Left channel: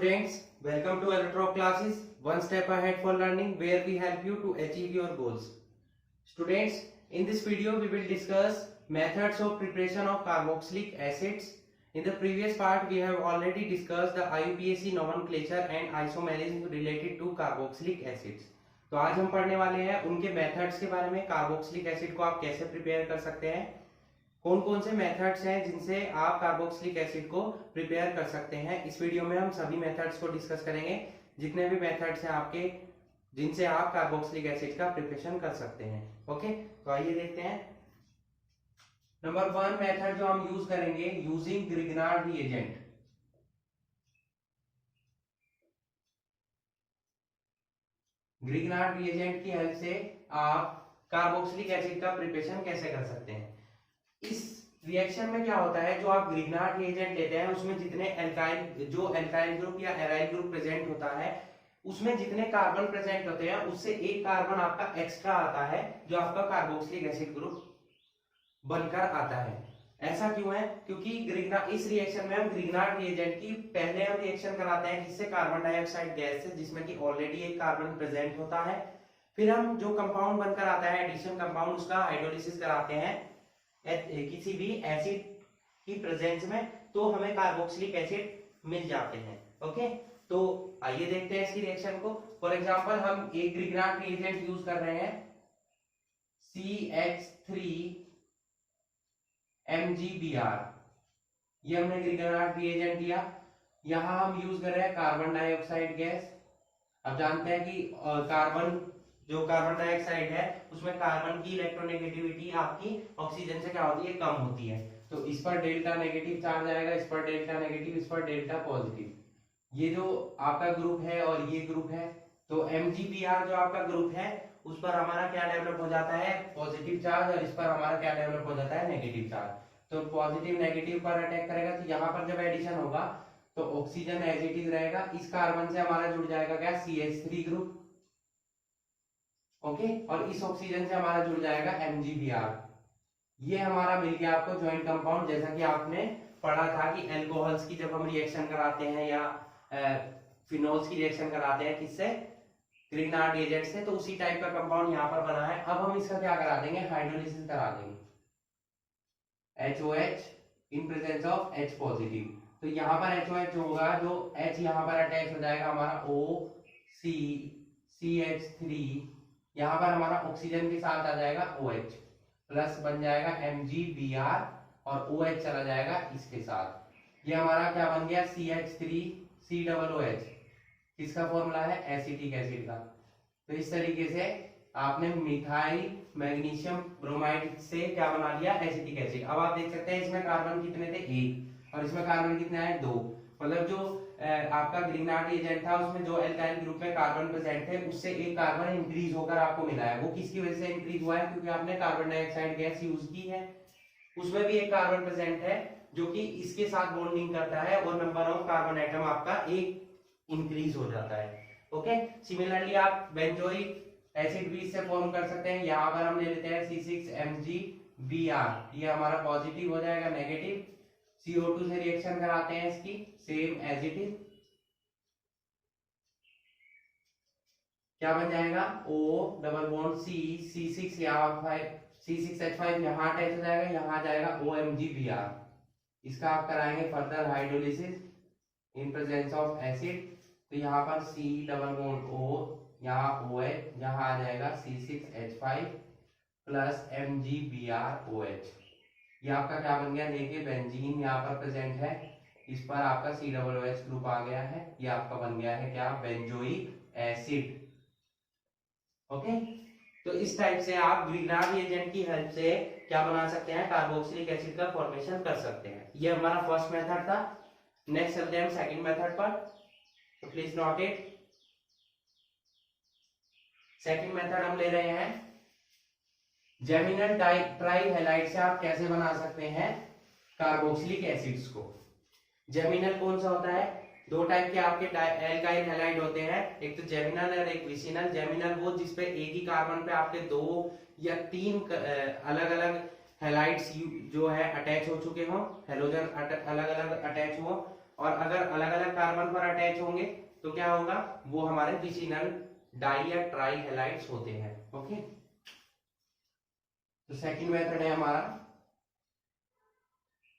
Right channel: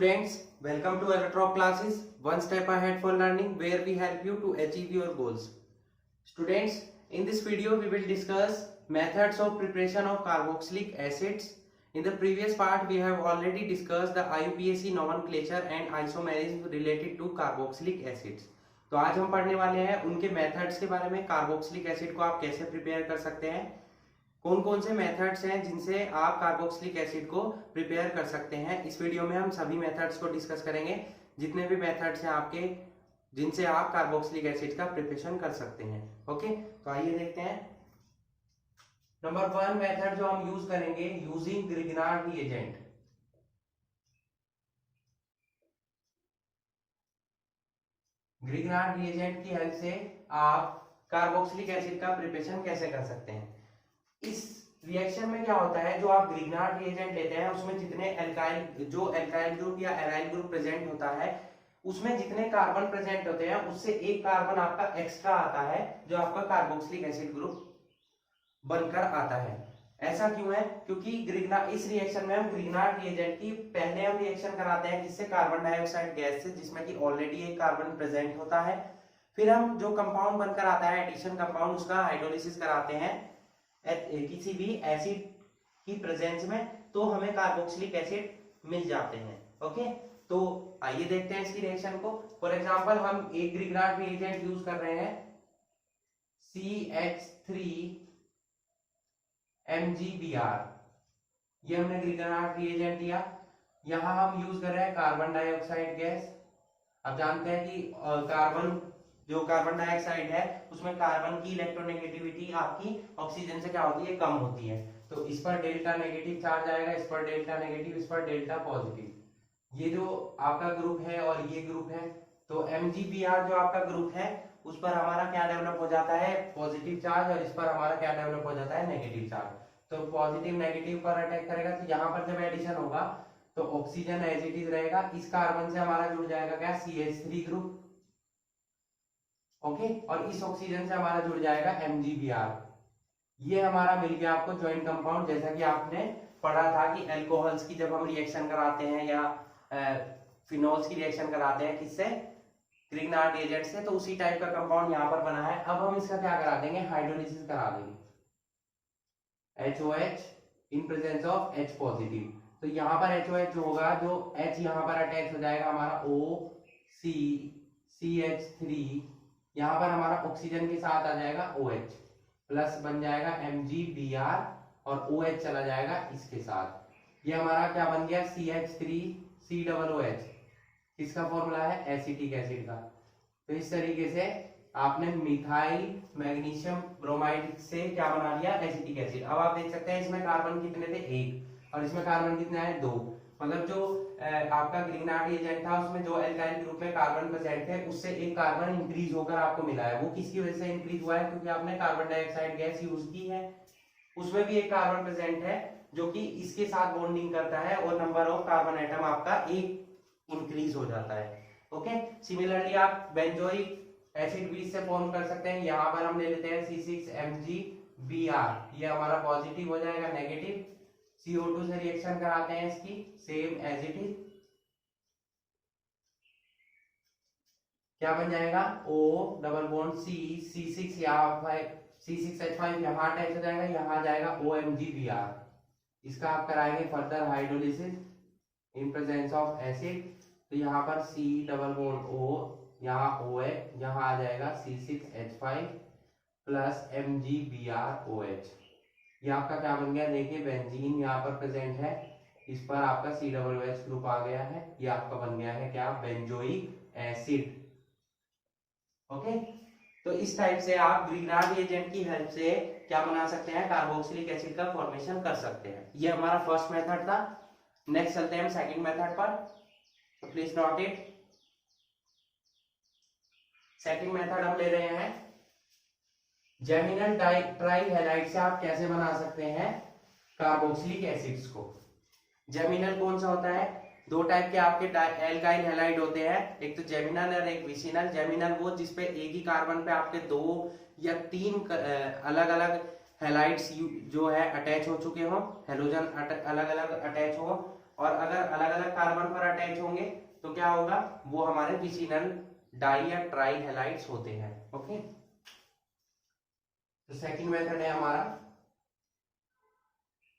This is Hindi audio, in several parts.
students, welcome to Electro classes, one step ahead for learning where we help you to achieve your goals. Students, in this video we will discuss methods of preparation of carboxylic acids. In the previous part we have already discussed the IUPAC nomenclature and isomerism related to carboxylic acids. तो आज हम पढ़ने वाले हैं उनके मेथड्स के बारे में, कार्बोक्सिलिक एसिड को आप कैसे प्रिपेयर कर सकते हैं, कौन कौन से मेथड्स हैं जिनसे आप कार्बोक्सिलिक एसिड को प्रिपेयर कर सकते हैं। इस वीडियो में हम सभी मेथड्स को डिस्कस करेंगे, जितने भी मेथड्स हैं आपके जिनसे आप कार्बोक्सिलिक एसिड का प्रिपरेशन कर सकते हैं। ओके, तो आइए देखते हैं। नंबर 1 मेथड जो हम यूज करेंगे, using Grignard reagent. Grignard reagent की हेल्प से आप कार्बोक्सिलिक एसिड का प्रिपरेशन कैसे कर सकते हैं। इस रिएक्शन में क्या होता है, जो आप ग्रिग्नार्ड रिएजेंट लेते हैं उसमें जितने एल्काइल ग्रुप या एराइल ग्रुप प्रेजेंट होता है, उसमें जितने कार्बन प्रेजेंट होते हैं उससे एक कार्बन आपका एक्स्ट्रा आता है, जो आपका कार्बोक्सिलिक एसिड ग्रुप बनकर आता है। ऐसा क्यों है? क्योंकि इस रिएक्शन में हम ग्रिग्नार्ड रिएजेंट की पहले हम रिएक्शन कराते हैं किससे, कार्बन डाइऑक्साइड गैस से, जिसमें कि ऑलरेडी एक कार्बन प्रेजेंट होता है। फिर हम जो कंपाउंड बनकर आता है एडिशन कंपाउंड, उसका हाइड्रोलिसिस कराते हैं किसी भी एसिड की प्रेजेंस में, तो हमें कार्बोक्सिलिक एसिड मिल जाते हैं। ओके, तो आइए देखते हैं इसकी रिएक्शन को। फॉर एग्जांपल हम एक ग्रिग्नार्ड रिएजेंट यूज कर रहे हैं CH3MgBr, ये हमने ग्रिग्नार्ड रिएजेंट लिया। यहां हम यूज कर रहे हैं कार्बन डाइऑक्साइड गैस। अब जानते हैं कि कार्बन डाइऑक्साइड है उसमें कार्बन की इलेक्ट्रोनेगेटिविटी आपकी ऑक्सीजन से क्या होती है, कम होती है। तो इस पर डेल्टा नेगेटिव चार्ज आएगा, इस पर डेल्टा नेगेटिव, इस पर डेल्टा पॉजिटिव। ये जो आपका ग्रुप है और ये ग्रुप है, तो MgBr जो आपका ग्रुप है उस पर हमारा क्या डेवलप हो जाता है, पॉजिटिव चार्ज, और इस पर हमारा क्या डेवलप हो जाता है, नेगेटिव चार्ज। तो पॉजिटिव नेगेटिव पर अटैक करेगा, तो यहाँ पर जब एडिशन होगा तो ऑक्सीजन एज इट इज रहेगा, इस कार्बन से हमारा जुड़ जाएगा क्या, CH3 ग्रुप। ओके, और इस ऑक्सीजन से हमारा जुड़ जाएगा MgBr। ये हमारा मिल गया आपको ज्वाइंट कंपाउंड। जैसा कि आपने पढ़ा था कि अल्कोहल्स की जब हम रिएक्शन कराते हैं या फिनोल्स की रिएक्शन कराते हैं किससे, ग्रिग्नार्ड रिएजेंट से, तो उसी टाइप का कंपाउंड यहाँ पर बना है। अब हम इसका क्या करा देंगे, हाइड्रोलिसिस करा देंगे, HOH in presence of H positive. तो यहाँ पर HOH जो होगा, जो H यहाँ पर अटैच हो जाएगा हमारा CH3, यहाँ पर हमारा ऑक्सीजन के साथ आ जाएगा OH, प्लस बन जाएगा MgBr, और OH चला जाएगा इसके साथ। ये हमारा क्या बन गया, CH3COOH। किसका फॉर्मूला है, एसिटिक एसिड का। तो इस तरीके से आपने मिथाइल मैग्नीशियम ब्रोमाइड से क्या बना लिया, एसिटिक एसिड। अब आप देख सकते हैं इसमें कार्बन कितने थे, 1, और इसमें कार्बन कितने आए, 2। मतलब जो आपका ग्रिग्नार्ड रिएजेंट था उसमें जो एल्काइल ग्रुप में कार्बन प्रेजेंट थे उससे एक कार्बन इंक्रीज होकर आपको मिला है। वो किसकी वजह से इंक्रीज हुआ है, क्योंकि आपने कार्बन डाइऑक्साइड गैस यूज की है, उसमें भी एक कार्बन प्रेजेंट है जो कि इसके साथ बॉन्डिंग करता है, और नंबर ऑफ कार्बन एटम आपका एक इंक्रीज हो जाता है। ओके, सिमिलरली आप बेंजोइक एसिड भी इससे फॉर्म कर सकते हैं। यहाँ पर हम ले लेते हैं C6MgBr, ये हमारा पॉजिटिव हो जाएगा, नेगेटिव CO2 से रिएक्शन कराते हैं इसकी, सेम एज इट इज, क्या बन जाएगा, O डबल बॉन्ड C6 यहाँ C6H5 यहाँ अटैच हो जाएगा, यहाँ आ जाएगा OMgBr। इसका आप कराएंगे further hydrolysis in presence of acid. तो यहाँ पर C डबल बॉन्ड O, यहाँ OH, यहाँ आ जाएगा C6H5 प्लस MgBrOH। ये आपका क्या बन गया, देखिए बेंजीन यहाँ पर प्रेजेंट है, इस पर आपका COOH ग्रुप आ गया है। ये आपका बन गया है क्या, बेंजोइक एसिड। ओके, तो इस टाइप से आप ग्रिग्नार्ड रिएजेंट की हेल्प से क्या बना सकते हैं, कार्बोक्सिलिक एसिड का फॉर्मेशन कर सकते हैं। ये हमारा फर्स्ट मेथड था। नेक्स्ट चलते हैं हम सेकंड मेथड पर, तो please note it. Second method हम ले रहे हैं जेमिनल ट्राइहैलाइड से आप कैसे बना सकते हैं कार्बोक्सिलिक एसिड्स को। जेमिनल कौन सा होता है, 2 टाइप के आपके एल्काइल हैलाइड होते हैं, एक तो जेमिनल और एक विसिनल। जेमिनल वो जिसपे एक ही कार्बन पे आपके 2 या 3 अलग अलग हैलाइड्स जो है अटैच हो चुके हो, हेलोजन अलग अलग अटैच हो, और अगर अलग अलग कार्बन पर अटैच होंगे तो क्या होगा, वो हमारे विसिनल डाई या ट्राई हैलाइड्स होते हैं। ओके, तो सेकंड मेथड है हमारा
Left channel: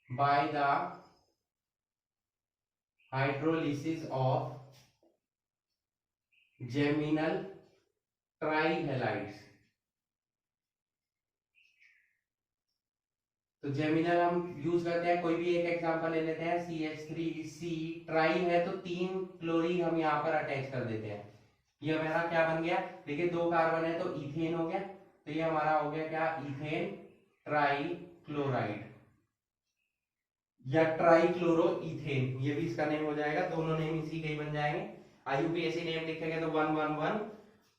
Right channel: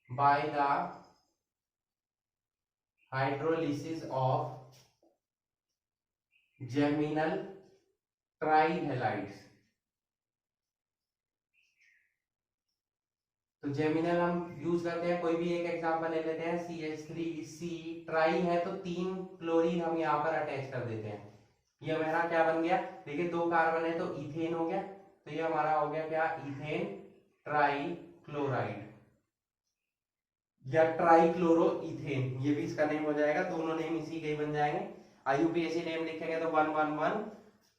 by the hydrolysis of geminal try halides. तो जेमिनल हम यूज करते हैं, कोई भी एक एग्जांपल ले लेते हैं, CH3C ट्राई है तो 3 क्लोरीन हम यहाँ पर अटैच कर देते हैं। ये हमारा क्या बन गया, देखिए 2 कार्बन है तो इथेन हो गया, तो ये हमारा हो गया क्या, इथेन ट्राई क्लोराइड या ट्राई क्लोरो इथेन, ये भी इसका नेम हो जाएगा, दोनों नेम इसी के ही बन जाएंगे। IUPAC नेम लिखेंगे तो 111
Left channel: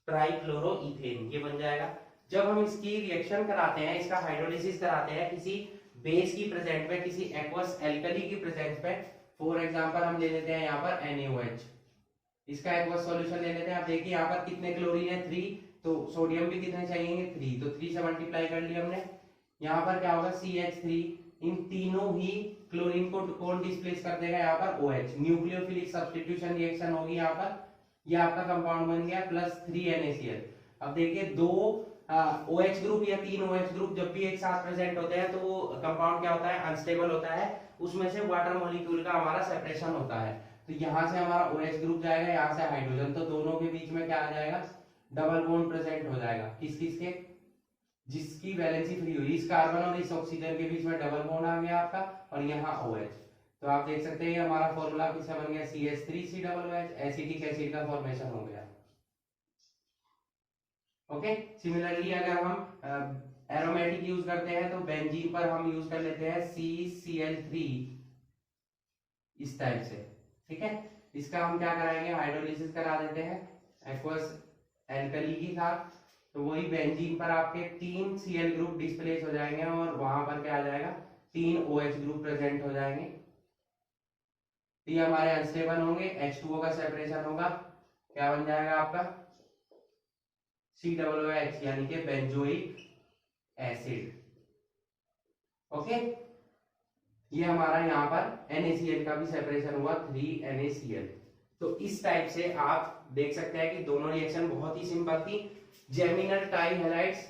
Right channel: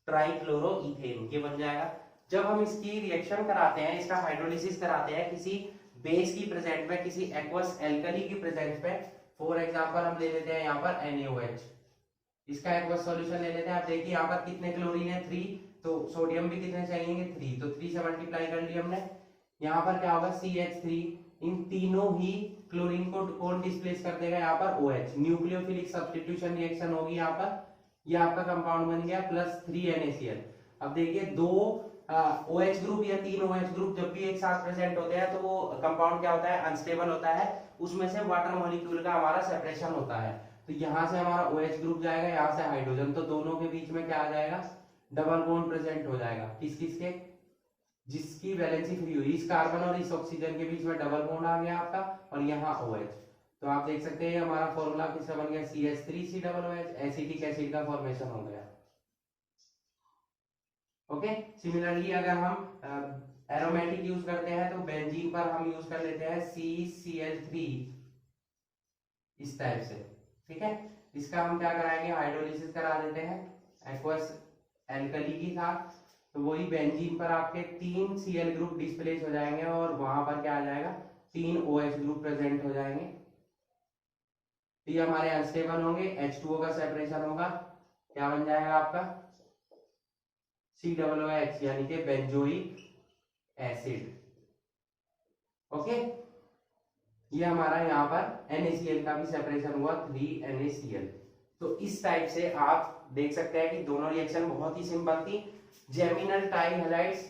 ट्राई क्लोरो इथेन ये बन जाएगा। जब हम इसकी रिएक्शन कराते हैं, इसका हाइड्रोलिसिस कराते हैं किसी बेस की प्रेजेंस में, किसी एक्वस एल्कली की प्रेजेंस में, फॉर एग्जांपल हम ले लेते हैं यहाँ पर NaOH, इसका एक्वस सॉल्यूशन ले लेते हैं। आप देखिए यहाँ पर कितने क्लोरीन है, 3, तो सोडियम भी कितने चाहिए, 3, तो 3 से मल्टीप्लाई कर लिया हमने। यहाँ पर क्या होगा, CH3, इन तीनों ही क्लोरीन को कौन डिस्प्लेस कर देगा, यहाँ पर OH, न्यूक्लियोफिलिक सब्स्टिट्यूशन रिएक्शन होगी यहाँ पर, ये आपका कंपाउंड बन गया +3 NaCl। अब देखिए 2 OH ग्रुप या 3 OH ग्रुप जब भी एक साथ प्रेजेंट होते हैं तो वो कंपाउंड क्या होता है, अनस्टेबल होता है, उसमें से वाटर मॉलिक्यूल का हमारा सेपरेशन होता है। तो यहाँ से हमारा OH ग्रुप जाएगा, यहाँ से हाइड्रोजन, तो दोनों के बीच में क्या आ जाएगा, डबल बॉन्ड प्रेजेंट हो जाएगा। किस किस के, जिसकी वैलेंसी फ्री हुई, इस कार्बन और इस ऑक्सीजन के बीच में डबल बॉन्ड आ गया आपका, और यहाँ OH। तो आप देख सकते हैं हमारा फॉर्मूला किसका बन गया, CH3COOH, एसिटिक एसिड का फॉर्मेशन हो गया। ओके, सिमिलरली अगर हम एरोमेटिक यूज करते हैं तो बेंजीन पर हम यूज कर लेते हैं CCl3 इस टाइप से, ठीक है। इसका हम क्या कराएंगे, हाइड्रोलिसिस करा देते हैं एक्वस एल्कली के साथ, तो वही बेंजीन पर आपके 3 Cl ग्रुप डिस्प्लेस हो जाएंगे और वहां पर क्या आ जाएगा, 3 OH ग्रुप प्रेजेंट हो जाएंगे। तो ये हमारे अनस्टेबल होंगे, H2O का सेपरेशन होगा, क्या बन जाएगा आपका COOH यानी कि बेंजोइक एसिड। ओके, ये हमारा यहाँ पर NaCl का भी सेपरेशन हुआ, 3 NaCl। तो इस टाइप से आप देख सकते हैं कि दोनों रिएक्शन बहुत ही सिंपल थी। जेमिनल ट्राई हैलाइड्स,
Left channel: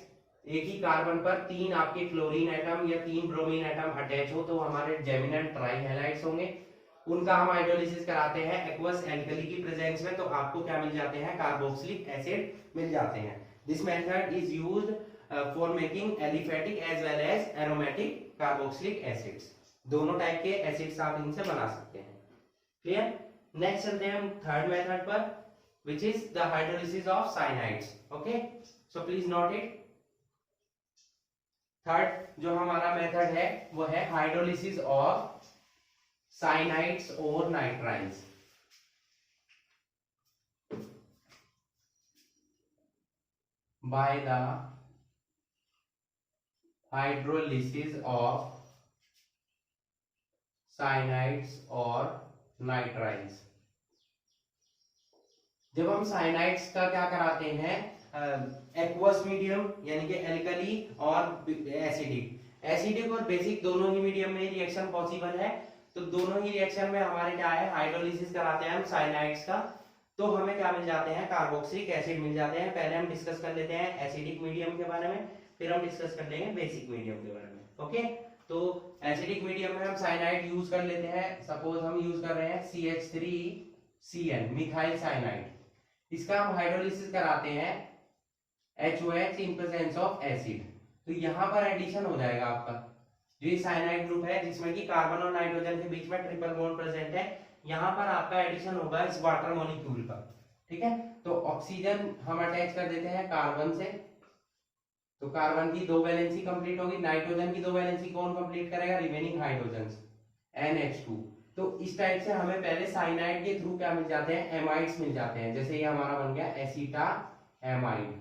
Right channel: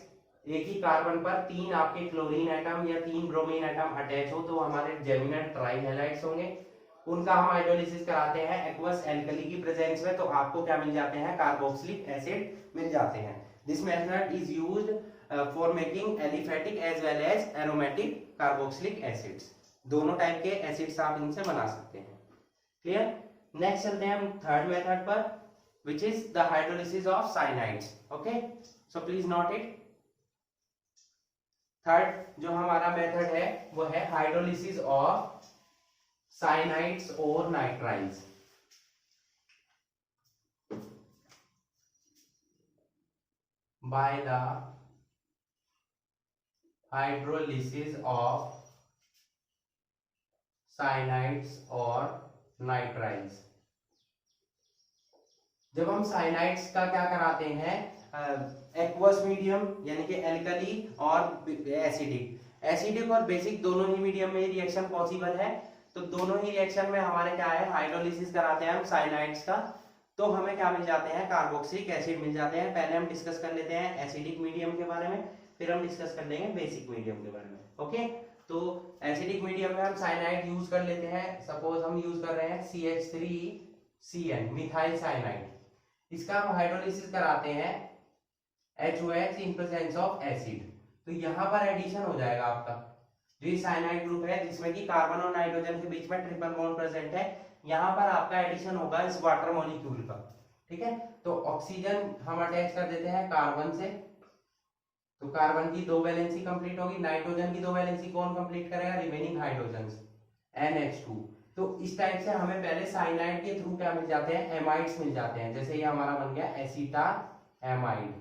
एक ही कार्बन पर 3 आपके क्लोरीन एटम या 3 ब्रोमीन एटम अटैच हो तो हमारे जेमिनल ट्राई हैलाइड्स होंगे। उनका हम हाइड्रोलिसिस कराते हैं एक्वस एल्कली की प्रेजेंस में, तो आपको क्या मिल जाते हैं, कार्बोक्सिलिक एसिड मिल जाते हैं। This method is used for making aliphatic as well as aromatic carboxylic acids. दोनों टाइप के एसिड्स आप इनसे बना सकते हैं। क्लियर। नेक्स्ट चलते हैं हम थर्ड मेथड पर, which is the hydrolysis of cyanides. Okay, so please note it. Third जो हमारा मेथड है वो है हाइड्रोलिसिस ऑफ साइनाइड्स और nitriles. By the hydrolysis of cyanides और नाइट्राइल्स। जब हम साइनाइड्स का क्या कराते हैं, एक्वस मीडियम यानी कि एल्कली और एसिडिक और बेसिक दोनों ही मीडियम में रिएक्शन पॉसिबल है, तो दोनों ही रिएक्शन में हमारे क्या है, हाइड्रोलिसिस कराते हैं हम साइनाइड्स का, तो हमें क्या मिल जाते हैं, कार्बोक्सिलिक एसिड मिल जाते हैं। पहले हम डिस्कस कर लेते हैं एसिडिक मीडियम के बारे में, फिर हम डिस्कस कर लेंगे बेसिक मीडियम के बारे में। ओके, तो एसिडिक मीडियम में हम साइनाइड यूज कर लेते हैं। सपोज हम यूज कर रहे हैं CH3CN मिथाइल साइनाइड, इसका हम हाइड्रोलिसिस कराते हैं HOH in presence of acid, तो यहाँ पर एडिशन हो जाएगा आपका जो ये साइनाइड ग्रुप है जिसमें कि कार्बन और नाइट्रोजन के बीच में ट्रिपल बॉन्ड प्रेजेंट है, यहाँ पर आपका एडिशन होगा इस वाटर मॉलिक्यूल का, ठीक है। तो ऑक्सीजन हम अटैच कर देते हैं कार्बन से, तो कार्बन की 2 वैलेंसी कंप्लीट होगी, नाइट्रोजन की 2 वैलेंसी कौन कंप्लीट करेगा, रिमेनिंग हाइड्रोजन NH2। तो इस टाइप से हमें पहले साइनाइड के थ्रू क्या मिल जाते हैं, एमाइड्स मिल जाते हैं। जैसे ये हमारा बन गया एसिटा एमाइड,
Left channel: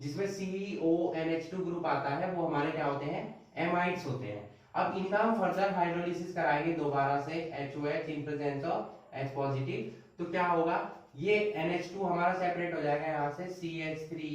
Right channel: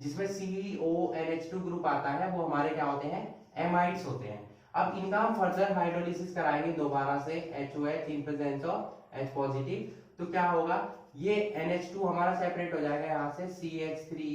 जिसमें CONH2 ग्रुप आता है, वो हमारे क्या होते हैं, एमाइड्स होते हैं। अब इनका हम फर्दर हाइड्रोलिसिस कराएंगे दोबारा से HOH in presence of H positive, तो क्या होगा, ये NH2 हमारा सेपरेट हो जाएगा यहाँ से CH3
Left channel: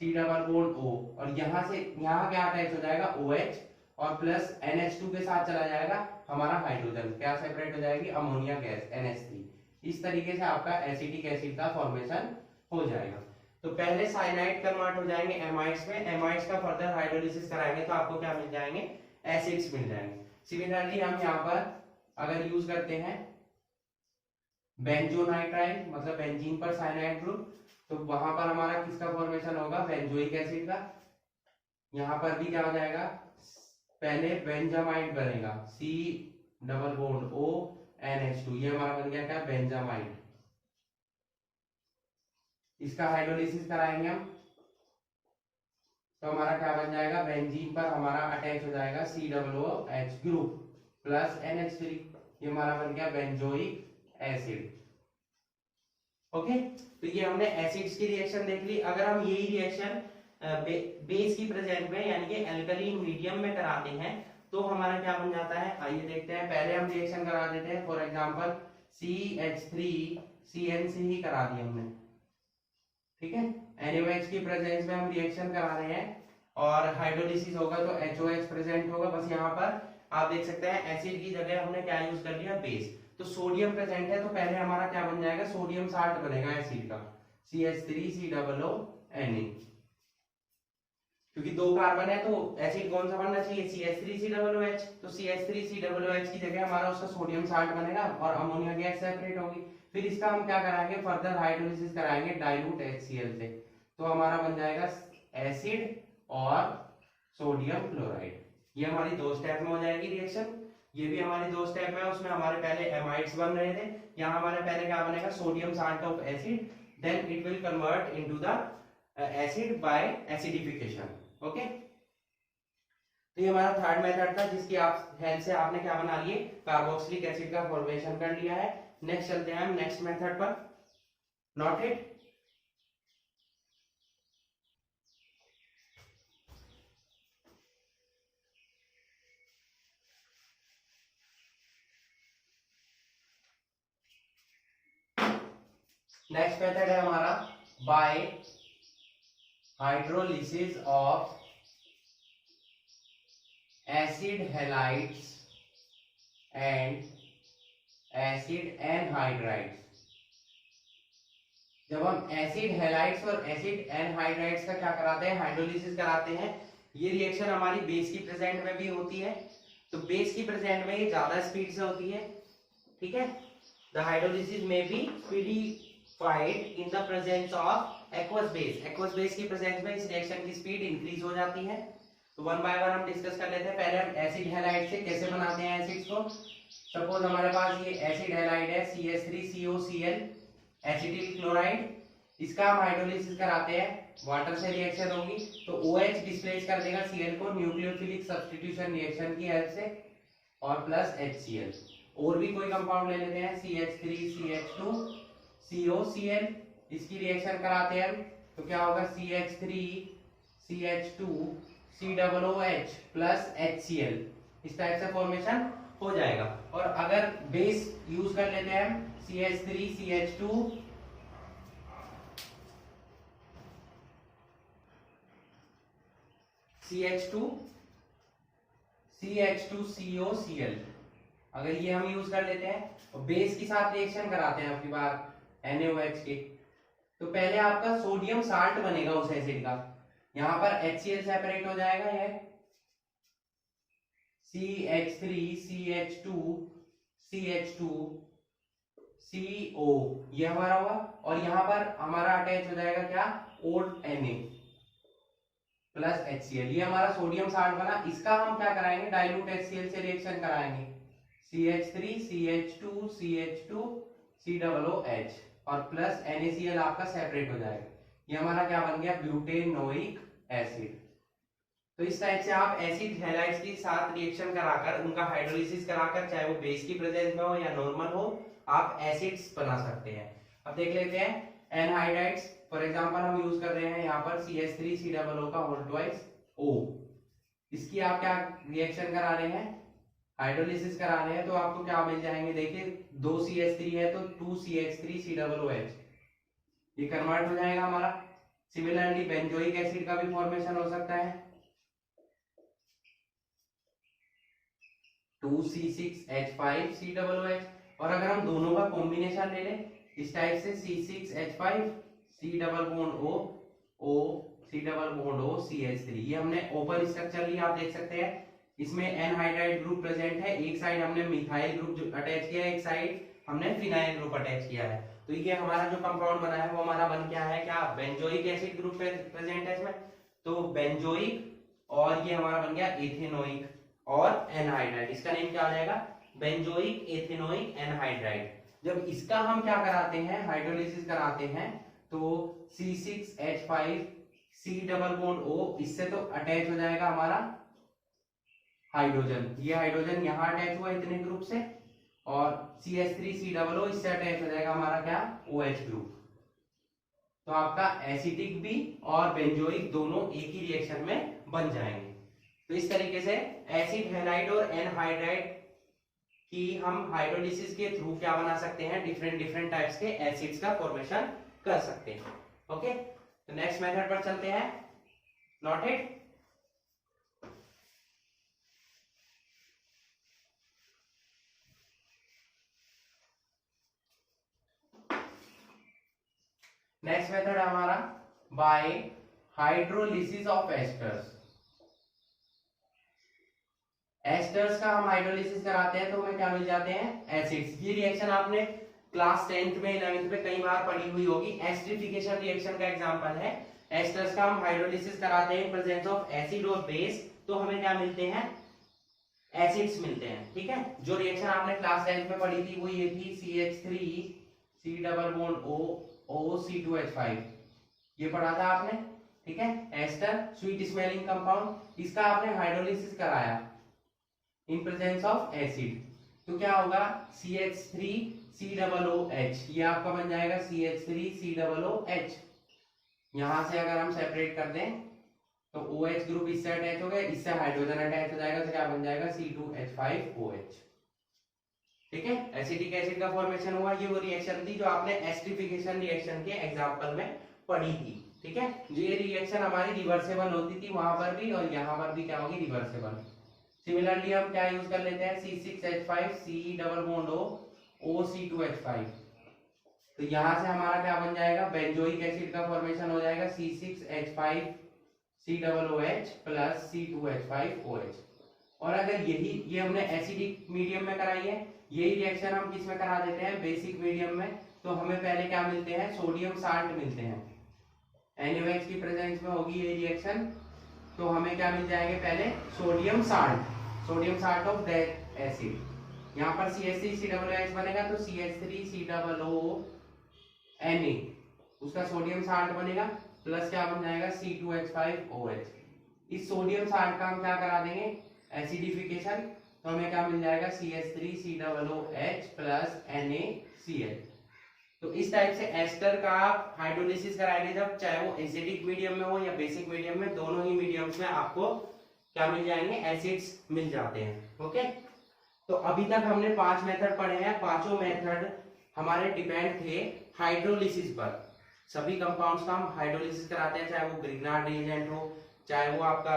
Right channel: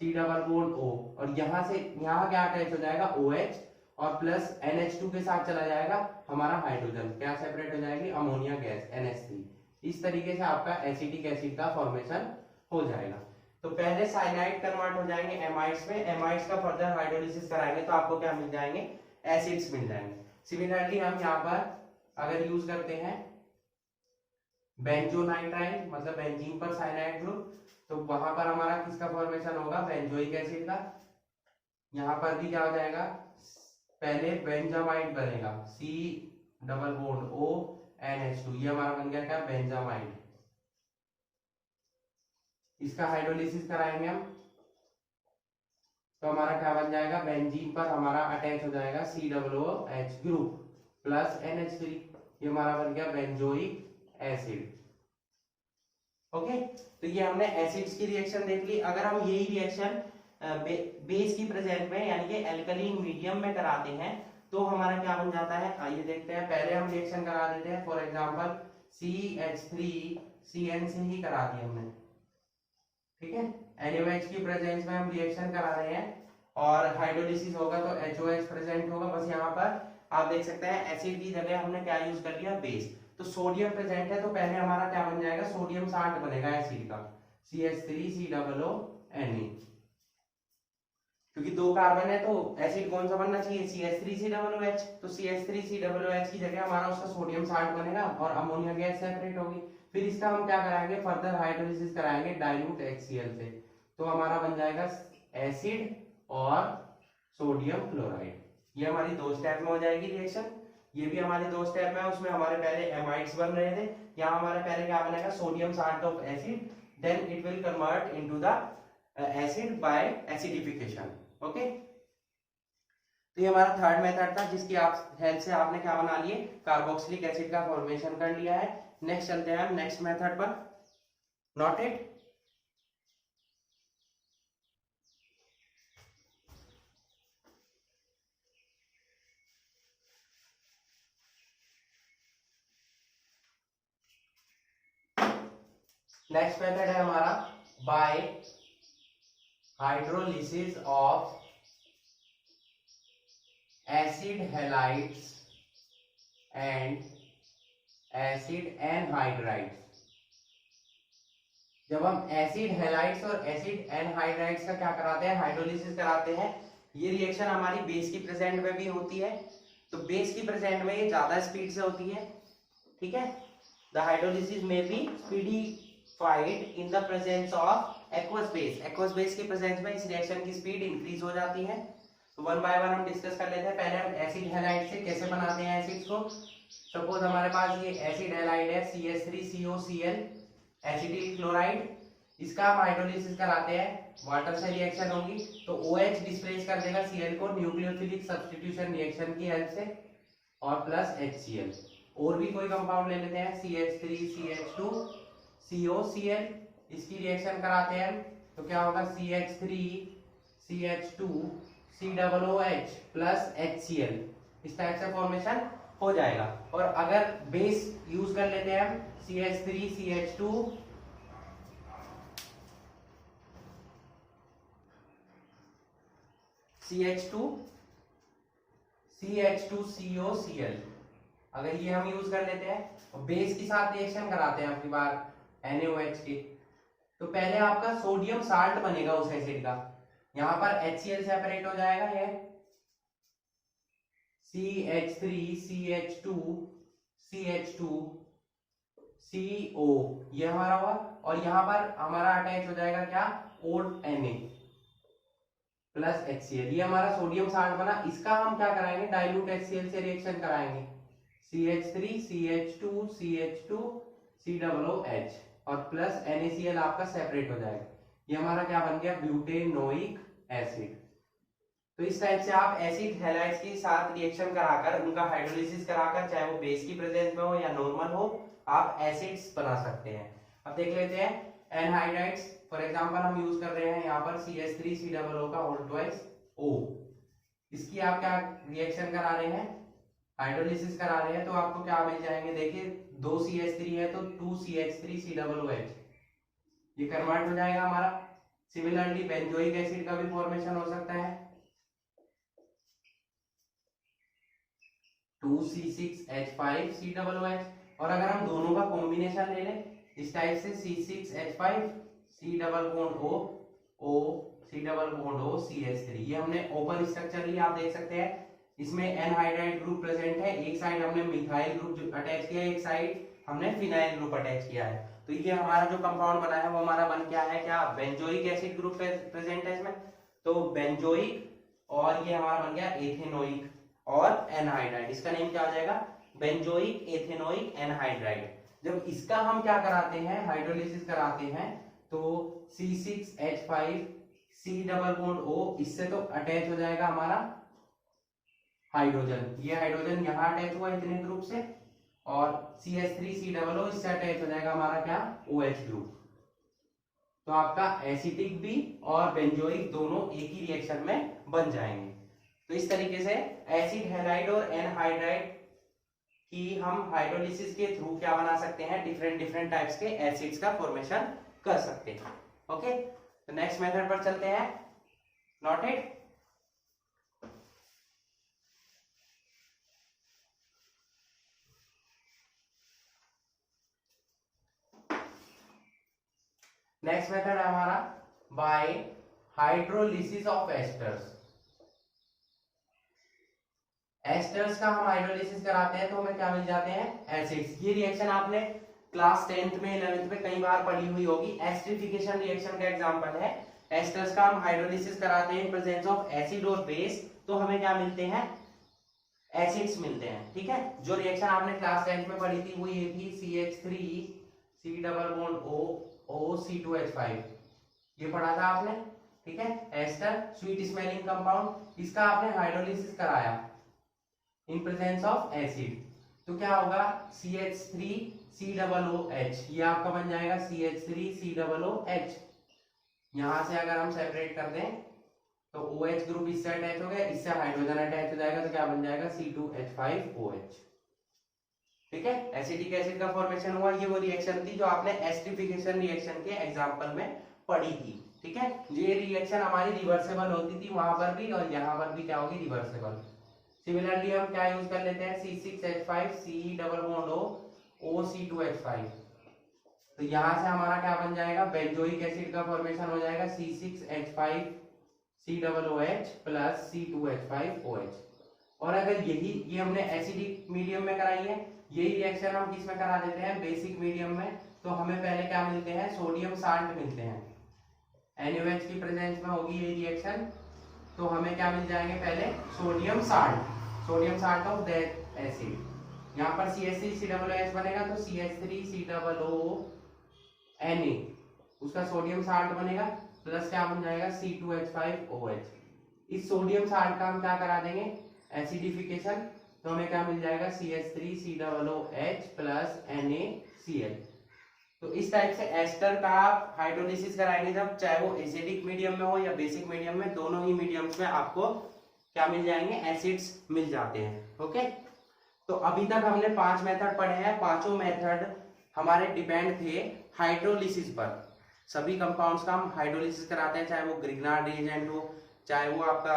C double bond O, और यहाँ से यहाँ क्या अटैच हो जाएगा OH, और प्लस NH2 के साथ चला जाएगा हमारा हाइड्रोजन, क्या सेपरेट हो जाएगी, अमोनिया गैस NH3। इस तरीके से आपका एसिटिक एसिड का फॉर्मेशन हो जाएगा। तो पहले साइनाइड कन्वर्ट हो जाएंगे एमाइड्स में, एमाइड्स का फर्दर हाइड्रोलिसिस कराएंगे तो आपको क्या मिल जाएंगे, एसिड्स मिल जाएंगे। सिमिलरली हम यहाँ पर अगर यूज करते हैं बेंजोनाइट्राइल मतलब बेंजीन पर साइनाइड ग्रुप, तो वहां पर हमारा किसका फॉर्मेशन होगा, बेंजोइक एसिड का। यहाँ पर भी क्या हो जाएगा, पहले बेंजामाइड बनेगा, C double bond O NH2, ये हमारा बन गया क्या, बेंजामाइड। इसका हाइड्रोलिसिस कराएंगे हम तो हमारा क्या बन जाएगा, बेंजीन पर हमारा अटैच हो जाएगा COOH ग्रुप प्लस NH3, ये हमारा बन गया बेंजोइक एसिड। ओके, तो ये हमने एसिड्स की रिएक्शन देख ली। अगर हम यही रिएक्शन बेस की प्रेजेंट में यानी कि एल्कलीन मीडियम में कराते हैं तो हमारा क्या बन जाता है, आइए देखते हैं। पहले हम रिएक्शन करा देते हैं, फॉर एग्जांपल CH3CN से ही करा दी हमने, ठीक है। NaOH की प्रेजेंस में हम रिएक्शन करा रहे हैं और हाइड्रोलिसिस होगा तो HOH प्रेजेंट होगा। बस यहाँ पर आप देख सकते हैं एसिड की जगह हमने क्या यूज कर लिया, बेस। तो सोडियम प्रेजेंट है तो पहले हमारा क्या बन जाएगा, सोडियम साल्ट बनेगा एसिड का, CH3COONA, क्योंकि दो कार्बन है तो एसिड कौन सा बनना चाहिए, CH3COOH। तो CH3COOH की जगह हमारा उसका सोडियम साल्ट बनेगा और अमोनिया गैस सेपरेट होगी। फिर इसका हम क्या कराएंगे, फर्दर हाइड्रोलिसिस कराएंगे डाइल्यूट HCl से, तो हमारा बन जाएगा एसिड और सोडियम क्लोराइड। ये हमारी दो स्टेप में हो जाएगी रिएक्शन। ये भी हमारे दो स्टेप में, उसमें हमारे पहले एमाइड्स बन रहे थे, यहाँ हमारे पहले क्या बनेगा, sodium salt of acid, then it will convert into the acid by acidification. Okay, तो ये हमारा थर्ड मेथड था जिसकी आप हेल्प से आपने क्या बना लिए, कार्बोक्सिलिक एसिड का फॉर्मेशन कर लिया है। नेक्स्ट चलते हैं हम नेक्स्ट मेथड पर, नोट इट। नेक्स्ट मेथड है हमारा bye hydrolysis of acid halides and acid anhydrides. जब हम एसिड हैलाइड्स और एसिड एनहाइड्राइड्स का क्या कराते हैं, हाइड्रोलिसिस कराते हैं, ये रिएक्शन हमारी बेस की प्रेजेंट में भी होती है। तो बेस की प्रेजेंट में ये ज्यादा स्पीड से होती है, ठीक है। द हाइड्रोलिसिस में be speedified in the presence of aqueous base. Aqueous base की प्रेजेंस में इस रिएक्शन की स्पीड इंक्रीज हो जाती है। तो वन बाय वन हम डिस्कस कर लेते हैं। पहले हम एसिड हैलाइड से कैसे बनाते हैं एसिड्स को। सपोज हमारे पास ये एसिड हैलाइड है CH3COCl एसिटिल क्लोराइड, इसका हम हाइड्रोलिसिस कराते हैं, वाटर से रिएक्शन होगी तो OH डिस्प्लेस कर देगा Cl को न्यूक्लियोफिलिक सब्स्टिट्यूशन रिएक्शन की हेल्प से, और प्लस HCl। और भी कोई कंपाउंड ले लेते हैं CH3CH2COCl, इसकी रिएक्शन कराते हैं हम तो क्या होगा, CH3CH2COOH प्लस HCl, इस टाइप से फॉर्मेशन हो जाएगा। और अगर बेस यूज कर लेते हैं हम CH2COCl, अगर ये हम यूज कर लेते हैं और बेस के साथ रिएक्शन कराते हैं अपनी बार NaOH के, तो पहले आपका सोडियम साल्ट बनेगा उस एसिड का, यहां पर HCl सेपरेट हो जाएगा, ये CH3CH2CO, ये हमारा हुआ। और यहाँ पर हमारा अटैच हो जाएगा क्या, ओड Na प्लस HCl, ये हमारा सोडियम साल्ट बना। इसका हम क्या कराएंगे, डाइल्यूट HCl से रिएक्शन कराएंगे, CH3CH2CH2COOH और प्लस NaCl आपका सेपरेट हो जाएगा। ये हमारा क्या बन गया, ब्यूटेनोइक एसिड। तो इस टाइप से आप एसिड हैलाइड्स के साथ रिएक्शन कराकर उनका हाइड्रोलिसिस कराकर, चाहे वो बेस की प्रेजेंस में हो या नॉर्मल हो, आप एसिड्स बना सकते हैं। अब देख लेते हैं एनहाइड्राइड्स। फॉर एग्जांपल हम यूज कर रहे हैं यहाँ पर CH3COO का होल ट्वाइस O, इसकी आप क्या रिएक्शन करा रहे हैं, हाइड्रोलिसिस करा रहे हैं, तो आपको क्या मिल जाएंगे, देखिए 2 CH3 है तो 2 CH3COOH, ये कन्वर्ट हो जाएगा हमारा। सिमिलरली बेंजोइक एसिड का भी फॉर्मेशन हो सकता है, 2C6H5COOH। और अगर हम दोनों का कॉम्बिनेशन ले लें इस टाइप से C6H5C O CH3, ये हमने ओपन स्ट्रक्चर लिया, आप देख सकते हैं इसमें एनहाइड्राइड ग्रुप प्रेजेंट है, एक साइड हमने मिथाइल ग्रुप अटैच किया है, एक साइड हमने फिनाइल ग्रुप अटैच किया है। तो ये हमारा जो कंपाउंड बना है वो हमारा बन क्या है, क्या बेंजोइक एसिड ग्रुप प्रेजेंट है इसमें, तो बेंजोइक, और ये हमारा बन गया एथेनोइक और एनहाइड्राइड। इसका नेम क्या हो जाएगा, बेंजोइक एथेनोइक एनहाइड्राइड। जब इसका हम क्या कराते हैं, हाइड्रोलिसिस कराते हैं, तो C6H5C O इससे तो अटैच हो जाएगा हमारा हाइड्रोजन, ये हाइड्रोजन यहाँ अटैच हुआ इतने ग्रुप से, और CH3COO इससे अटैच हो जाएगा हमारा क्या, OH ग्रुप। तो आपका एसिटिक भी और बेंजोइक दोनों एक ही रिएक्शन में बन जाएंगे। तो इस तरीके से एसिड हैलाइड और एनहाइड्राइड की हम हाइड्रोलिसिस के थ्रू क्या बना सकते हैं, डिफरेंट टाइप्स के एसिड्स का फॉर्मेशन कर सकते हैं। ओके, तो नेक्स्ट मेथड पर चलते हैं, नोटेड। नेक्स्ट मेथड है हमारा bye hydrolysis of esters. Asters का हम हाइड्रोलिसिस कराते हैं तो हमें क्या मिल जाते हैं, एसिड्स। ये रिएक्शन आपने क्लास 10th में 11th में कई बार पढ़ी हुई होगी, एस्टरिफिकेशन रिएक्शन का एग्जांपल है। एस्टर्स का हम हाइड्रोलिसिस कराते हैं इन प्रेजेंस ऑफ एसिड और बेस, तो हमें क्या मिलते हैं, एसिड्स मिलते हैं। ठीक है, जो रिएक्शन आपने क्लास 10th में पढ़ी थी वो ये थी CH3C+O ये पढ़ा था आपने। ठीक है, एस्टर स्वीट स्मेलिंग कंपाउंड, इसका आपने हाइड्रोलिसिस कराया इन प्रेजेंस ऑफ एसिड, तो क्या होगा, CH3COOH, ये आपका बन जाएगा CH3COOH। यहां से अगर हम सेपरेट कर दें तो OH ग्रुप इससे अटैच हो गया, इससे हाइड्रोजन अटैच हो जाएगा, तो क्या बन जाएगा, C2H5OH। ठीक है, एसिटिक एसिड का फॉर्मेशन हुआ। ये वो रिएक्शन थी जो आपने एस्टरिफिकेशन रिएक्शन के एग्जांपल में पढ़ी थी। ठीक है, ये रिएक्शन हमारी रिवर्सेबल होती थी वहां पर भी, और यहाँ पर भी क्या होगी, रिवर्सेबल। सिमिलरली हम क्या यूज कर लेते हैं, C6H5C+O तो यहां से हमारा क्या बन जाएगा, बेंजोइक एसिड का फॉर्मेशन हो जाएगा C6H5COOH प्लस C2H5OH। और अगर ये हमने एसिडिक मीडियम में कराई है, यही रिएक्शन हम किस में करा देते हैं, बेसिक मीडियम में, तो हमें पहले क्या मिलते हैं, सोडियम साल्ट मिलते हैं। NaOH की प्रेजेंस में होगी ये रिएक्शन, तो हमें क्या मिल जाएंगे, पहले sodium salt of that acid. यहाँ पर CH3COOH बनेगा तो CH3COONA, उसका सोडियम साल्ट बनेगा, प्लस क्या बन जाएगा, C2H5OH। इस सोडियम साल्ट का हम क्या करा देंगे, एसिडिफिकेशन, तो हमें क्या मिल जाएगा, CH3COOH प्लस NaCl। तो इस टाइप से एस्टर का आप हाइड्रोलिसिस कराएंगे जब, चाहे वो एसिडिक मीडियम में हो या बेसिक मीडियम में, दोनों ही मीडियम्स में आपको क्या मिल जाएंगे, एसिड्स मिल जाते हैं। ओके, तो अभी तक हमने 5 मेथड पढ़े हैं, पांचों मेथड हमारे डिपेंड थे हाइड्रोलिसिस पर। सभी कंपाउंड्स का हम हाइड्रोलिसिस कराते हैं, चाहे वो ग्रिग्नार्ड रिएजेंट हो, चाहे वो आपका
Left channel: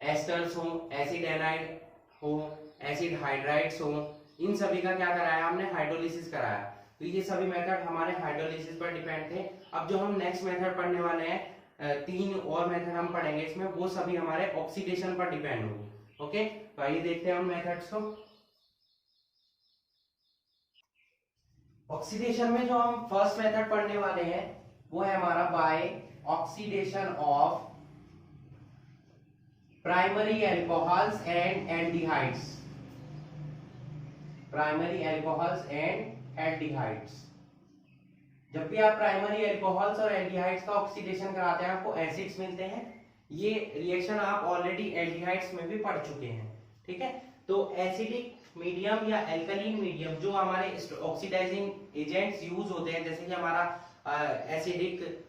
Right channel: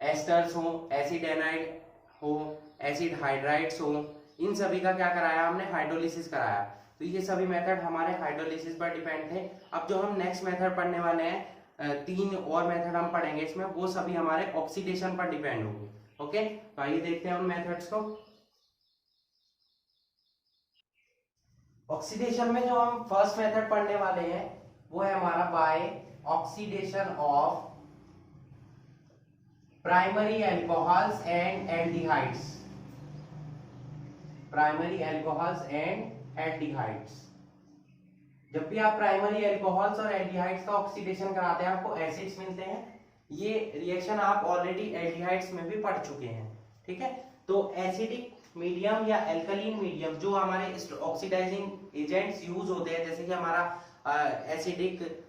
एस्टर्स हो, एसिड एनाइड हो, एसिड हाइड्राइड्स हो, इन सभी का क्या कराया हमने, हाइड्रोलिसिस कराया। तो ये सभी मेथड हमारे हाइड्रोलिसिस पर डिपेंड थे। अब जो हम नेक्स्ट मेथड पढ़ने वाले हैं, 3 और मेथड हम पढ़ेंगे इसमें, वो सभी हमारे ऑक्सीडेशन पर डिपेंड होंगे। ओके, तो आइए देखते हैं उन मेथड्स को। ऑक्सीडेशन में जो हम फर्स्ट मेथड पढ़ने वाले हैं वो है हमारा by oxidation of primary alcohols and aldehydes. Primary alcohols and aldehydes, जब भी आप प्राइमरी अल्कोहल्स और एल्डिहाइड्स का ऑक्सीडेशन कराते हैं आपको एसिड्स मिलते हैं। ये रिएक्शन आप ऑलरेडी एल्डिहाइड्स में भी पढ़ चुके हैं। ठीक है, तो एसिडिक मीडियम या अल्कलीन मीडियम जो हमारे ऑक्सीडाइजिंग एजेंट्स यूज होते हैं, जैसे कि हमारा एसिडिक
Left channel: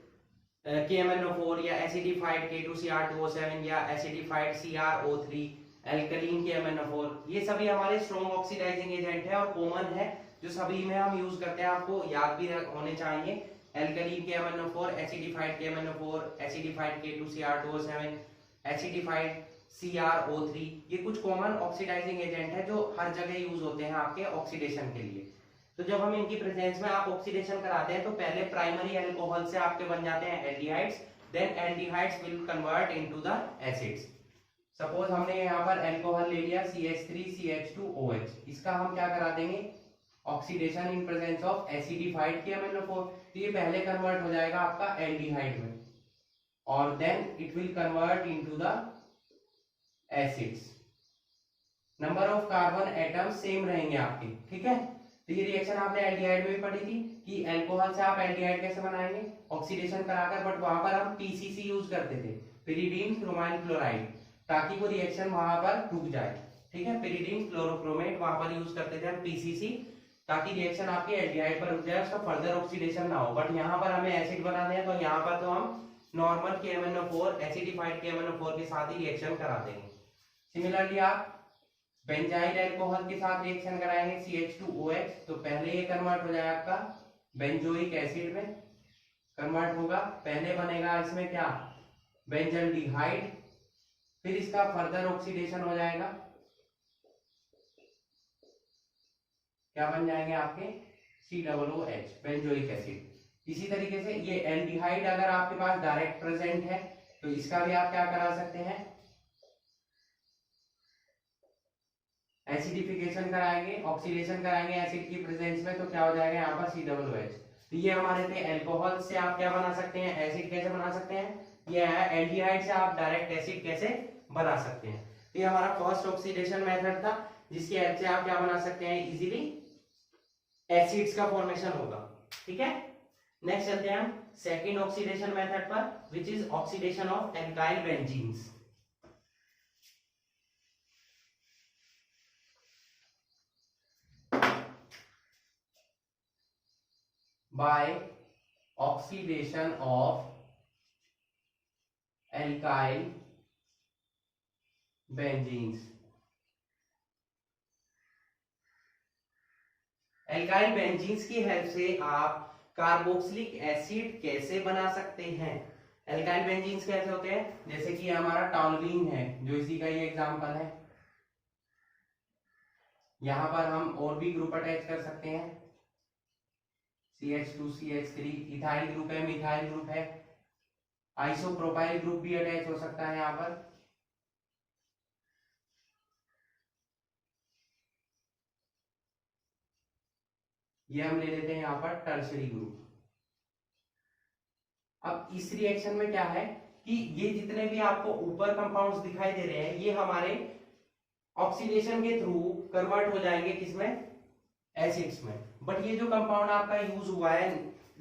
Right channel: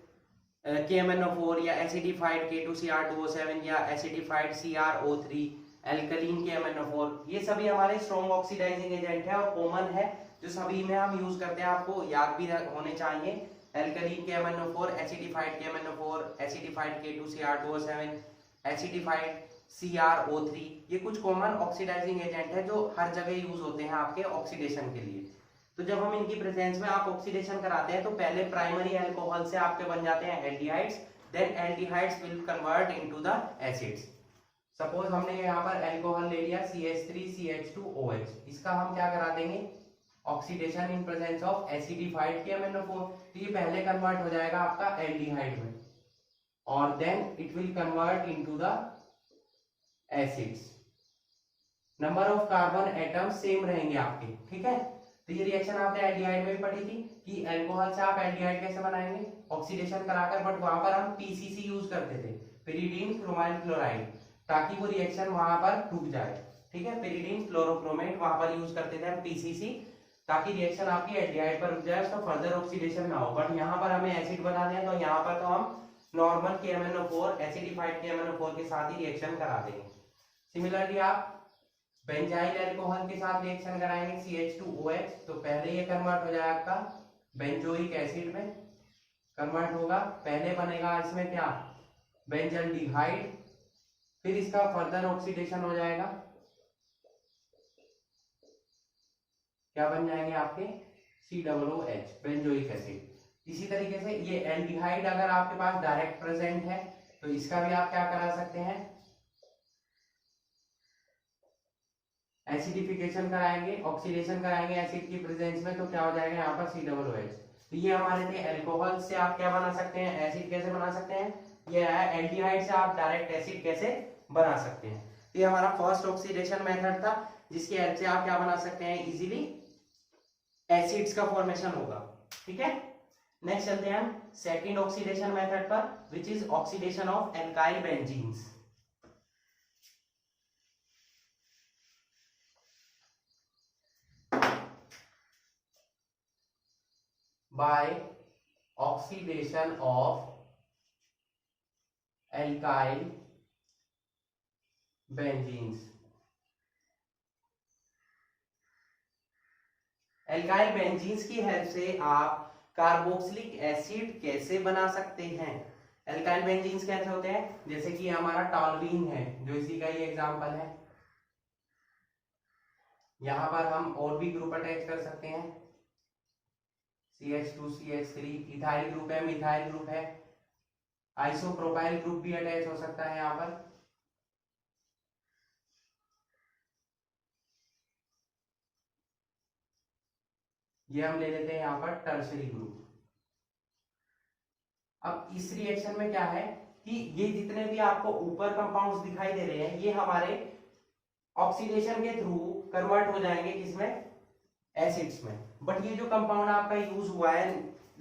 KMnO4 या एसिडिफाइड K2Cr2O7 या एसिडिफाइड CrO3, एल्कलीन KMnO4, ये सभी हमारे स्ट्रॉन्ग ऑक्सीडाइजिंग एजेंट है और कॉमन है, जो सभी में हम यूज करते हैं, आपको याद भी होने चाहिए। Alkaline KMnO4, acidified KMnO4, acidified K2Cr2O7, acidified CrO3, ये कुछ कॉमन ऑक्सीडाइजिंग एजेंट है जो हर जगह यूज होते हैं आपके ऑक्सीडेशन के लिए। तो जब हम इनकी प्रेजेंस में आप ऑक्सीडेशन कराते हैं तो पहले प्राइमरी अल्कोहल से आपके बन जाते हैं aldehydes, then aldehydes will convert into the acids. Suppose हमने यहाँ पर अल्कोहल ले लिया CH3CH2OH, इसका हम क्या करा देंगे oxidation in presence of acidified KMnO4, तो ये पहले कन्वर्ट हो जाएगा आपका एल्डिहाइड में और then it will convert into the acids. Number of carbon atom same रहेंगे आपके, ठीक है। तो ये रिएक्शन आपने एल्डिहाइड में भी पढ़ी थी कि अल्कोहल से आप एल्डिहाइड कैसे बनाएंगे ऑक्सीडेशन कराकर, बट वहां पर हम PCC यूज करते थे, पिरिडीन क्रोमाइल क्लोराइड, ताकि वो रिएक्शन वहां पर रुक जाए, ठीक है। पिरिडीन क्लोरोक्रोमेट वहां पर यूज करते थे हम PCC, ताकि रिएक्शन आपकी एल्डिहाइड पर रुक जाए, उसका फर्दर ऑक्सीडेशन ना हो। बट यहाँ पर हमें एसिड बनाना है तो यहाँ पर तो हम नॉर्मल KMnO4 एसिडिफाइड KMnO4 के साथ ही रिएक्शन करा देंगे। सिमिलरली आप बेंजाइल अल्कोहल के साथ रिएक्शन कराएंगे CH2OH, तो पहले ये कन्वर्ट हो जाएगा आपका बेंजोइक एसिड में कन्वर्ट होगा, पहले बनेगा इसमें क्या बेंजल्डिहाइड, फिर इसका फर्दर ऑक्सीडेशन हो जाएगा, क्या बन जाएंगे आपके COOH बेंजोइक एसिड। इसी तरीके से ये एल्डिहाइड अगर आपके पास डायरेक्ट प्रेजेंट है तो इसका भी आप क्या करा सकते हैं एसिडिफिकेशन कराएंगे, ऑक्सीडेशन कराएंगे एसिड की प्रेजेंस में, तो क्या हो जाएगा यहाँ पर COOH। तो ये हमारे थे अल्कोहल से आप क्या बना सकते हैं एसिड कैसे बना सकते हैं, ये है एल्डिहाइड से आप डायरेक्ट एसिड कैसे बना सकते हैं। तो ये हमारा फर्स्ट ऑक्सीडेशन मेथड था जिसकी हेल्प से आप क्या बना सकते हैं इजीली एसिड्स का फॉर्मेशन होगा, ठीक है। नेक्स्ट चलते हैं हम सेकंड ऑक्सीडेशन मेथड पर, which is oxidation of alkyl benzenes. by oxidation of alkyl benzenes। Alkyl benzenes की हेल्प से आप कार्बोक्सिलिक एसिड कैसे बना सकते हैं। एल्काइल बेंजीन्स कैसे होते हैं, जैसे कि हमारा टॉलुइन है जो इसी का ही एग्जांपल है, यहां पर हम और भी ग्रुप अटैच कर सकते हैं CH2 CH3, इथाइल ग्रुप है, मिथाइल ग्रुप है, आइसोप्रोपाइल ग्रुप भी अटैच हो सकता है यहाँ पर। ये हम ले लेते हैं यहाँ पर टर्शरी ग्रुप। अब इस रिएक्शन में क्या है कि ये जितने भी आपको ऊपर कंपाउंड्स दिखाई दे रहे हैं ये हमारे ऑक्सीडेशन के थ्रू कन्वर्ट हो जाएंगे किसमें एसिड्स में, बट ये जो कंपाउंड आपका यूज हुआ है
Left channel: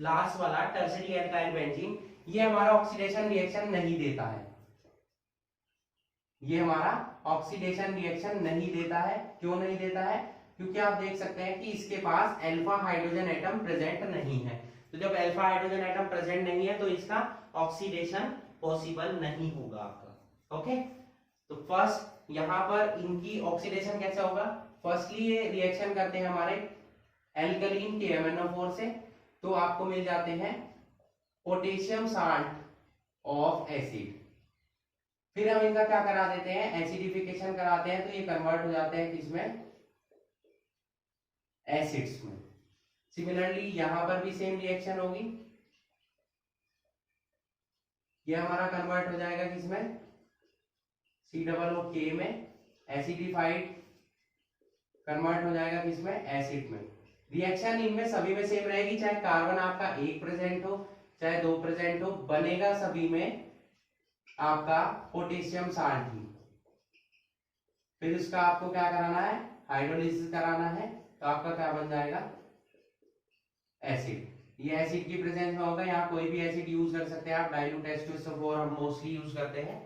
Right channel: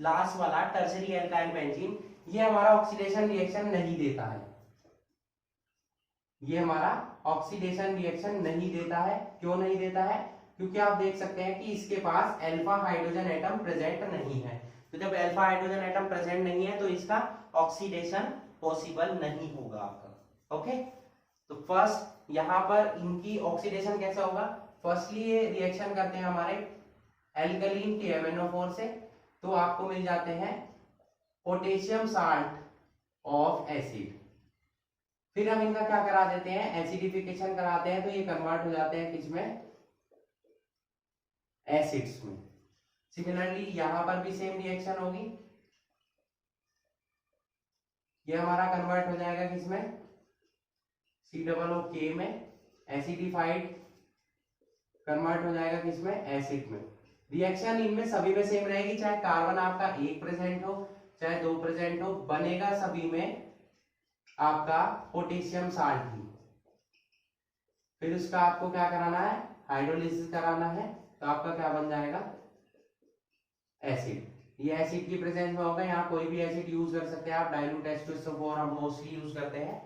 लास्ट वाला टर्शरी एल्काइल बेंजीन, ये हमारा ऑक्सीडेशन रिएक्शन नहीं देता है, ये हमारा ऑक्सीडेशन रिएक्शन नहीं देता है। क्यों नहीं देता है, क्योंकि आप देख सकते हैं कि इसके पास अल्फा हाइड्रोजन एटम प्रेजेंट नहीं है, तो जब अल्फा हाइड्रोजन एटम प्रेजेंट नहीं है तो इसका ऑक्सीडेशन पॉसिबल नहीं होगा आपका, ओके। तो फर्स्ट यहां पर इनकी ऑक्सीडेशन कैसे होगा, फर्स्टली ये रिएक्शन करते हैं हमारे एल्कलीन KMnO4 से, तो आपको मिल जाते हैं पोटेशियम साल्ट ऑफ एसिड, फिर हम इनका क्या करा देते हैं एसिडिफिकेशन कराते हैं, तो ये कन्वर्ट हो जाते हैं किसमें एसिड्स में। सिमिलरली यहां पर भी सेम रिएक्शन होगी, ये हमारा कन्वर्ट हो जाएगा किसमें COOK में, एसिडिफाइड कन्वर्ट हो जाएगा किसमें एसिड में। रिएक्शन इनमें सभी में सेम रहेगी, चाहे कार्बन आपका एक प्रेजेंट हो चाहे दो प्रेजेंट हो, बनेगा सभी में आपका पोटेशियम साल्ट ही। फिर उसका आपको क्या कराना है हाइड्रोलिसिस कराना है, तो आपका क्या बन जाएगा एसिड। ये एसिड की प्रेजेंस में होगा, यहाँ कोई भी एसिड यूज कर सकते हैं आप, डाइल्यूट H2SO4 हम मोस्टली यूज करते हैं,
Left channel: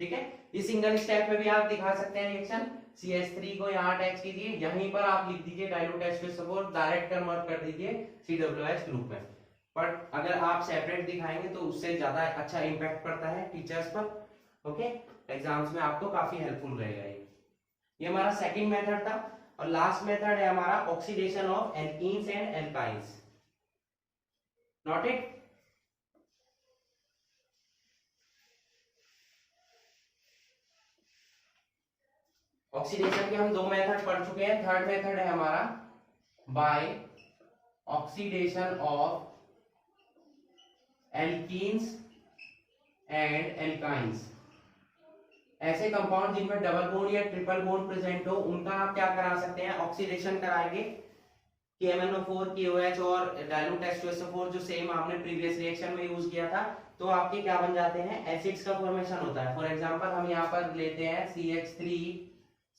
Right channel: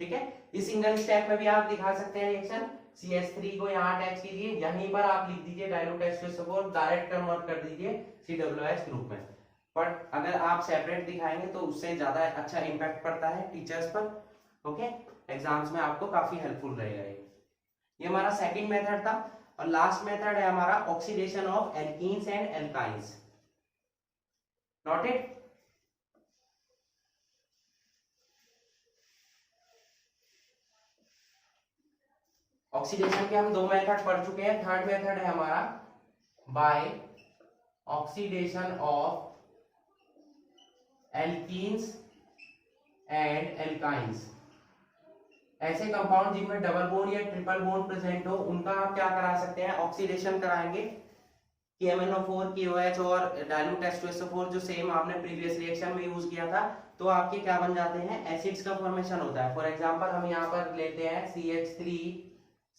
ठीक है। इस सिंगल स्टेप में भी आप दिखा सकते हैं रिएक्शन, CH3 को यहाँ अटैच कीजिए, यहीं पर आप लिख दीजिए डाइल्यूट H2SO4, डायरेक्ट कन्वर्ट कर दीजिए COOH ग्रुप में। बट अगर आप सेपरेट दिखाएंगे तो उससे ज्यादा अच्छा इंपैक्ट पड़ता है टीचर्स पर, ओके, एग्जाम्स में आपको काफी हेल्पफुल रहेगा ये हमारा सेकंड मेथड था। और लास्ट मेथड है हमारा oxidation of alkenes and alkynes, note it. Oxidation के हम दो मेथड पढ़ चुके हैं। थर्ड मेथड है हमारा by oxidation of alkenes and alkynes. ऐसे कंपाउंड जिनमें डबल बॉन्ड या ट्रिपल बॉन्ड प्रेजेंट हो उनका आप क्या करा सकते हैं, ऑक्सीडेशन कराएंगे। KMnO4 KOH और डाइल्यूट H2SO4 जो सेम आपने प्रीवियस रिएक्शन में यूज किया था, तो आपके क्या बन जाते हैं, एसिड्स का फॉर्मेशन होता है। फॉर एग्जांपल हम यहाँ पर लेते हैं CH3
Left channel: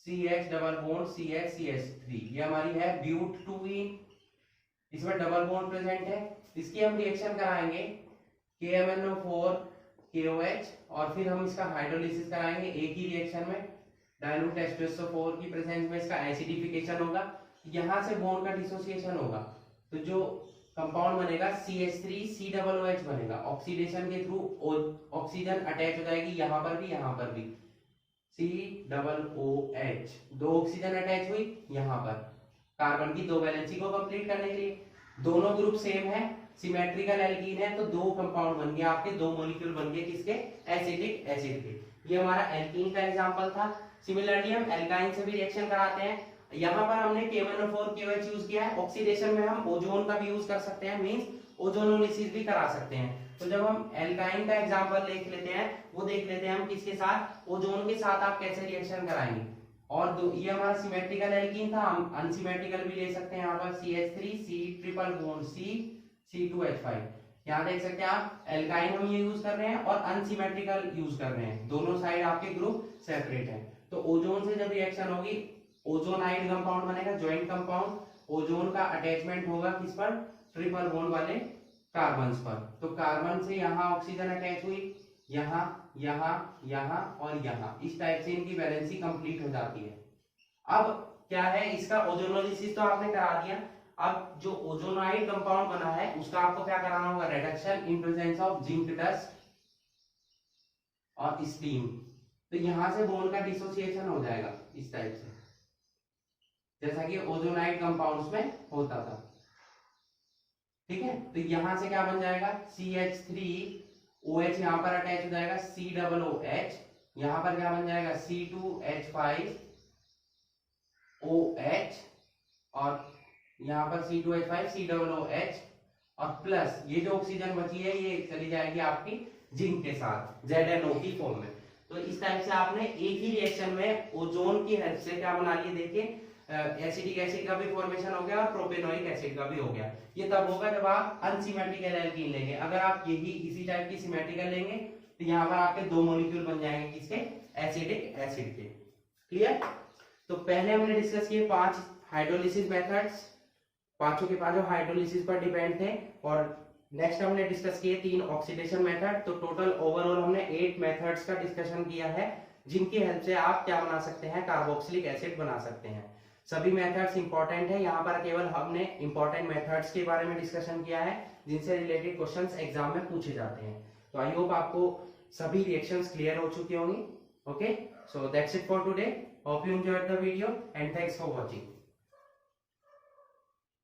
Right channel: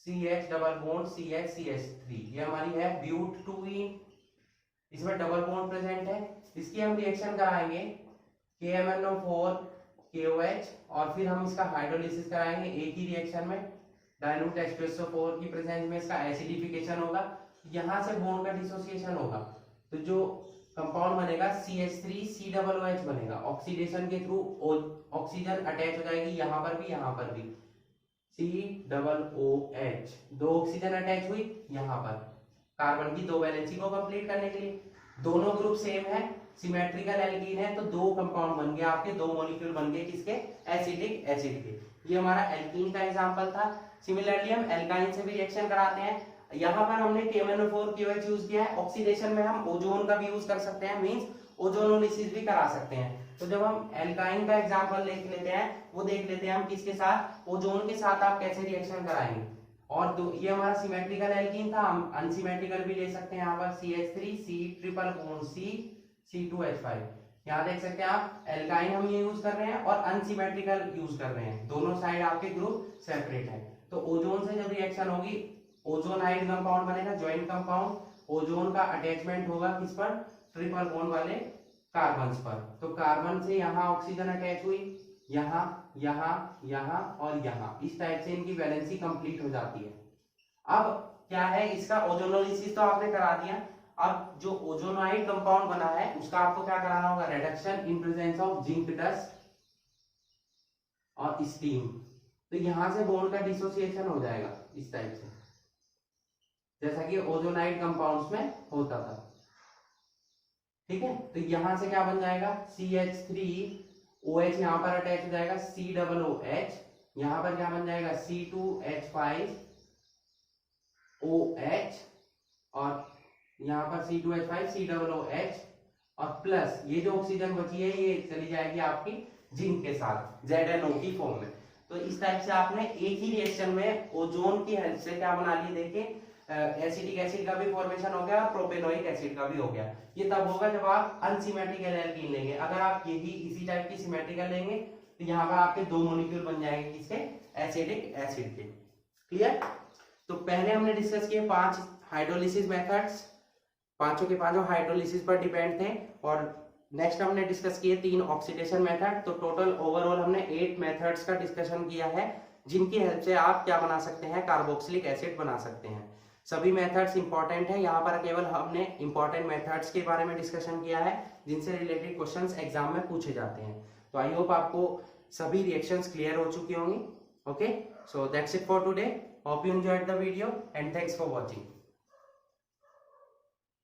CH double bond CH CH3, ये हमारी है ब्यूट-2ईन, इसमें डबल बॉन्ड प्रेजेंट है। इसकी हम रिएक्शन कराएंगे KMnO4 KOH और फिर हम इसका हाइड्रोलिसिस कराएंगे एक ही रिएक्शन में। डाइल्यूट H2SO4 की प्रेजेंस में इसका एसिडिफिकेशन होगा, यहाँ से बॉन्ड का डिसोसिएशन होगा, तो जो कंपाउंड बनेगा CH3 COOH बनेगा। ऑक्सीडेशन के थ्रू ऑक्सीजन अटैच हो जाएगी यहाँ पर भी, यहाँ पर भी COOH, दो ऑक्सीजन अटैच हुई यहाँ पर कार्बन की दो वैलेंसी को कंप्लीट करने के लिए। दोनों ग्रुप सेम है, सिमेट्रिकल एल्कीन है, तो दो कंपाउंड बन गए आपके, दो मॉलिक्यूल बन गए किसके, एसिडिक एसिड के। ये हमारा एल्कीन का एग्जांपल था। सिमिलरली हम एल्काइन से भी रिएक्शन कराते हैं। यहाँ पर हमने KMnO4 KOH यूज किया है। ऑक्सीडेशन में हम ओजोन का भी यूज कर सकते हैं, मींस ओजोनोलिसिस भी करा सकते हैं। तो जब हम एल्काइन का एग्जांपल देख लेते हैं, वो देख लेते हैं हम किसके साथ, ओजोन के साथ आप कैसे रिएक्शन कराएंगे। और ये हमारा सिमेट्रिकल एल्कीन था, हम अनसिमेट्रिकल भी ले सकते हैं। यहाँ पर CH3 C triple bond C C2H5, यहाँ देख सकते हैं आप, एल्काइन हम ये यूज कर रहे हैं और अनसिमेट्रिकल यूज कर रहे हैं, दोनों साइड आपके ग्रुप सेपरेट है। तो ओजोन से जब रिएक्शन होगी, ओजोनाइड कंपाउंड बनेगा, ज्वाइंट कंपाउंड। ओजोन का अटैचमेंट होगा किस पर, ट्रिपल बॉन्ड वाले कार्बन्स पर। तो कार्बन से यहाँ ऑक्सीजन अटैच हुई, यहाँ यहाँ यहाँ और यहाँ, इस टाइप से इनकी वैलेंसी कंप्लीट हो जाती है। अब क्या है, इसका ओजोनोलिसिस तो आपने करा दिया। अब जो ओजोनाइड कंपाउंड बना है उसका आपको क्या कराना होगा, reduction in presence of zinc dust और स्टीम। तो यहां से बॉन्ड का डिसोसिएशन हो जाएगा इस टाइप से, जैसा कि ओजोनाइड कंपाउंड्स में होता था। ठीक है, तो यहां से क्या बन जाएगा, CH3OH यहाँ पर अटैच हो जाएगा, COOH, यहाँ पर क्या बन जाएगा, C2H5OH और यहाँ पर C2H5 COOH और प्लस ये जो ऑक्सीजन बची है ये चली जाएगी आपकी जिंक के साथ ZNO की फॉर्म में। तो इस टाइप से आपने एक ही रिएक्शन में ओजोन की हेल्प से क्या बना लिया, देखिए एसिडिक एसिड का भी फॉर्मेशन हो गया और प्रोपेनोइक एसिड का भी हो गया। ये तब होगा जब आप अनसिमेट्रिकल एल्कीन लेंगे। अगर आप यही इसी टाइप की सिमेट्रिकल लेंगे तो यहाँ पर आपके दो मॉलिक्यूल बन जाएंगे किसके, एसिडिक एसिड के। क्लियर। तो पहले हमने डिस्कस किए 5 हाइड्रोलिसिस मेथड्स, पांचों के पांचों हाइड्रोलिसिस पर डिपेंड थे। और नेक्स्ट हमने डिस्कस किए 3 ऑक्सीडेशन मेथड। तो टोटल ओवरऑल हमने 8 मेथड्स का डिस्कशन किया है, जिनकी हेल्प से आप क्या बना सकते हैं, कार्बोक्सिलिक एसिड बना सकते हैं। सभी मेथड्स इंपॉर्टेंट है, यहाँ पर केवल हमने इंपॉर्टेंट मेथड्स के बारे में डिस्कशन किया है जिनसे रिलेटेड क्वेश्चंस एग्जाम में पूछे जाते हैं। तो आई होप आपको सभी रिएक्शंस क्लियर हो चुकी होंगी। Okay, so that's it for today. Hope you enjoyed the video and thanks for watching.